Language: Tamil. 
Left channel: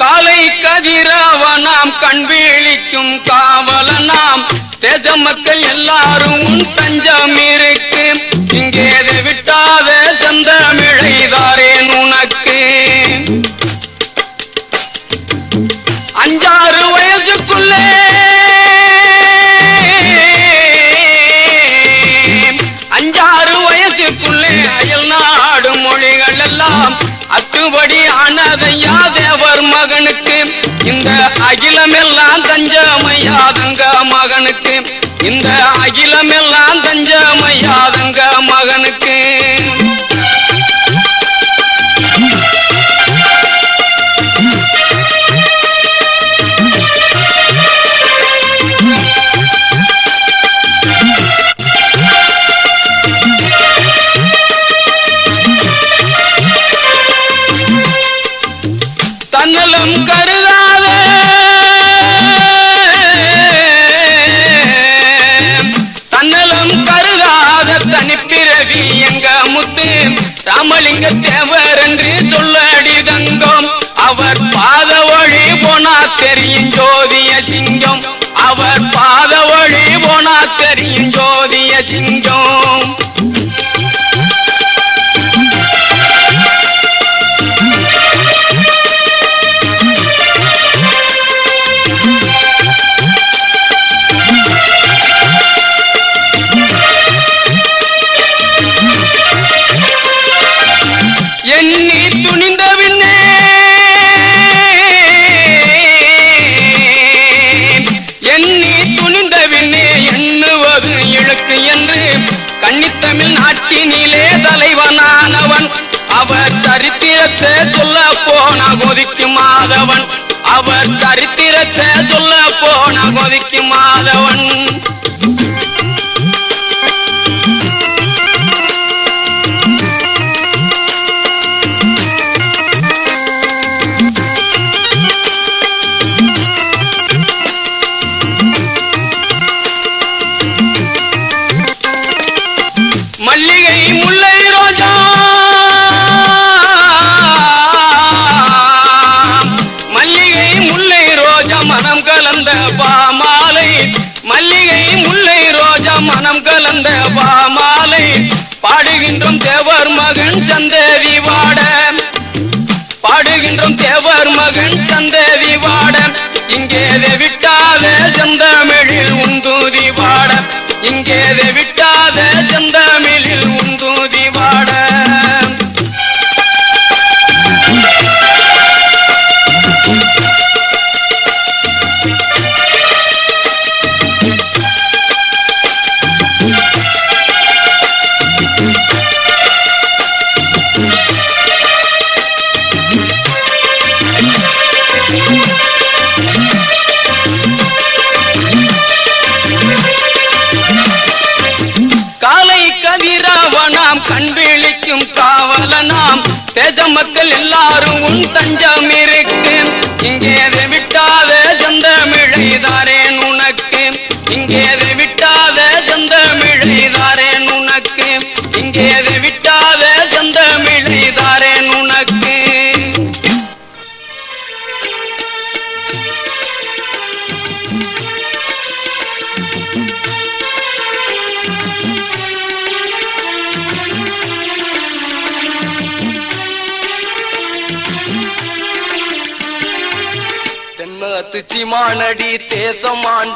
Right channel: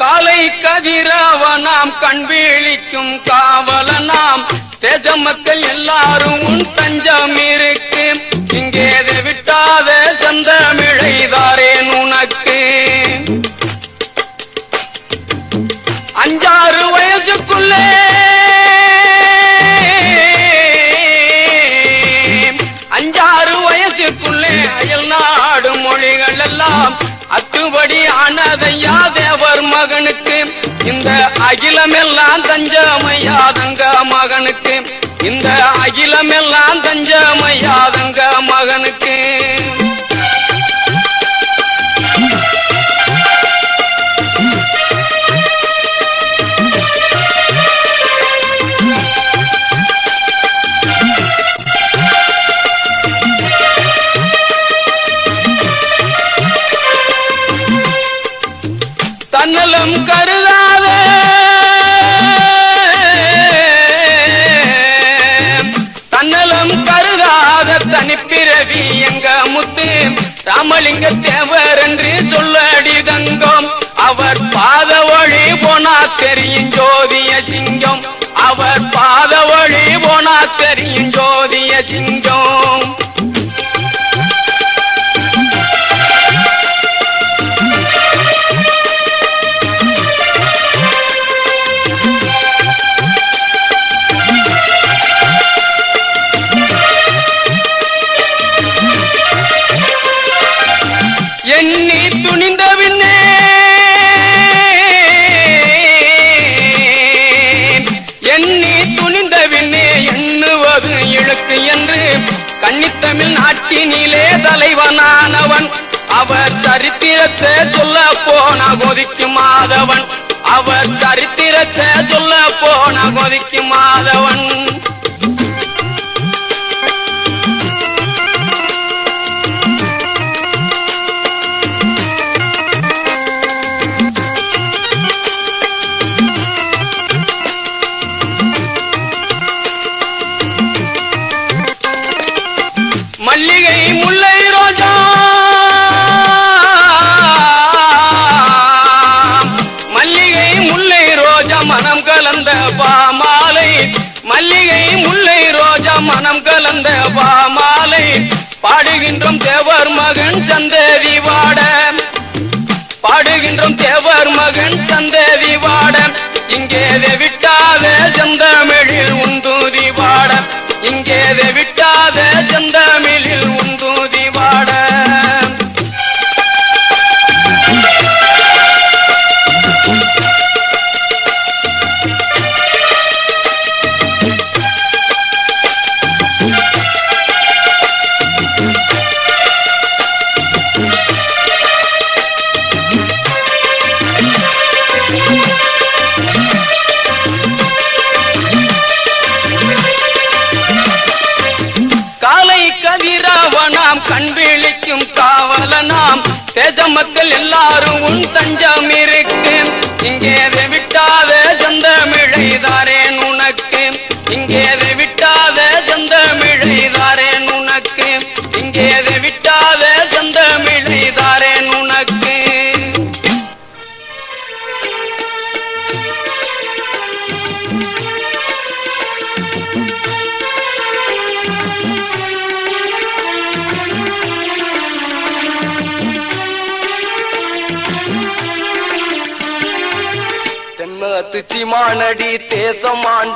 காலை கதிரவனாம் கண் விழிக்கும் காவலனாம் தேச மக்கள் எல்லாரும் உன் தஞ்சம் இருக்கு. இங்கே விட்டாத செந்தமிழைதாரேன் உனக்கு. 5-6 வயசுக்குள்ளே அயல் நாடு மொழிகள் எல்லாம் அத்துபடி ஆனதையா தேவர் மகனுக்கு. இந்த அகிலமெல்லாம் தஞ்சமையாதங்க மகனுக்கு. இந்த அகிலமெல்லாம் தஞ்சமையாதங்க மகனுக்கு. தன்னலம் கருதாத தனிப்பிறவி எங்க முத்து ராமலிங்க தேவர் என்று சொல்லடி தந்தோம். அவர் பாத வழி போனா தெரியும் ஜோதிய சிங்கம். அவர் பாத வழி போனா தெரியும் ஜோதிய சிங்கம். எண்ணி துணிந்த பின்னே எண்ணுவது இழுக்கு என்று கன்னித்தமிழ் நாட்டினிலே தலைவனானவன். அவர் சரித்திரத்தை சொல்ல போன கொதிக்கு மாதவன். அவர் சரித்திரத்தை சொல்ல போன கொதிக்கு மாதவன். மல்லிகை முல்லை ரோஜா மல்லிகை முல்லை ரோஜா மனம் கலந்த பாமாலை. மல்லிகை முல்லை ரோஜா மனம் கலந்த பாமாலை. பாடுகின்றோம் தேவர் மகன் சந்தேவி வாட. பாடுகின்றோம் தேவர் மகன் சந்தேவி வாட. இங்கே விட்டாத செந்தமிழில் உந்தூதி வாட. இங்கே விட்டாத செந்தமிழில் உந்தூதி வாட. காலை கதிரவனாம் கண் விழிக்கும் காவலனாம் தேச மக்கள் எல்லாரும் உன் தஞ்சம் இருக்கு. இங்கே விட்டாத செந்தமிழைதாரேன் உனக்கு. இங்கே விட்டாத செந்தமிழைதாரேன் உனக்கு. இங்கே விட்டாத செந்தமிழைதாரேன் உனக்கு. தென்னத்துச்சி மானடி தேசமாண்ட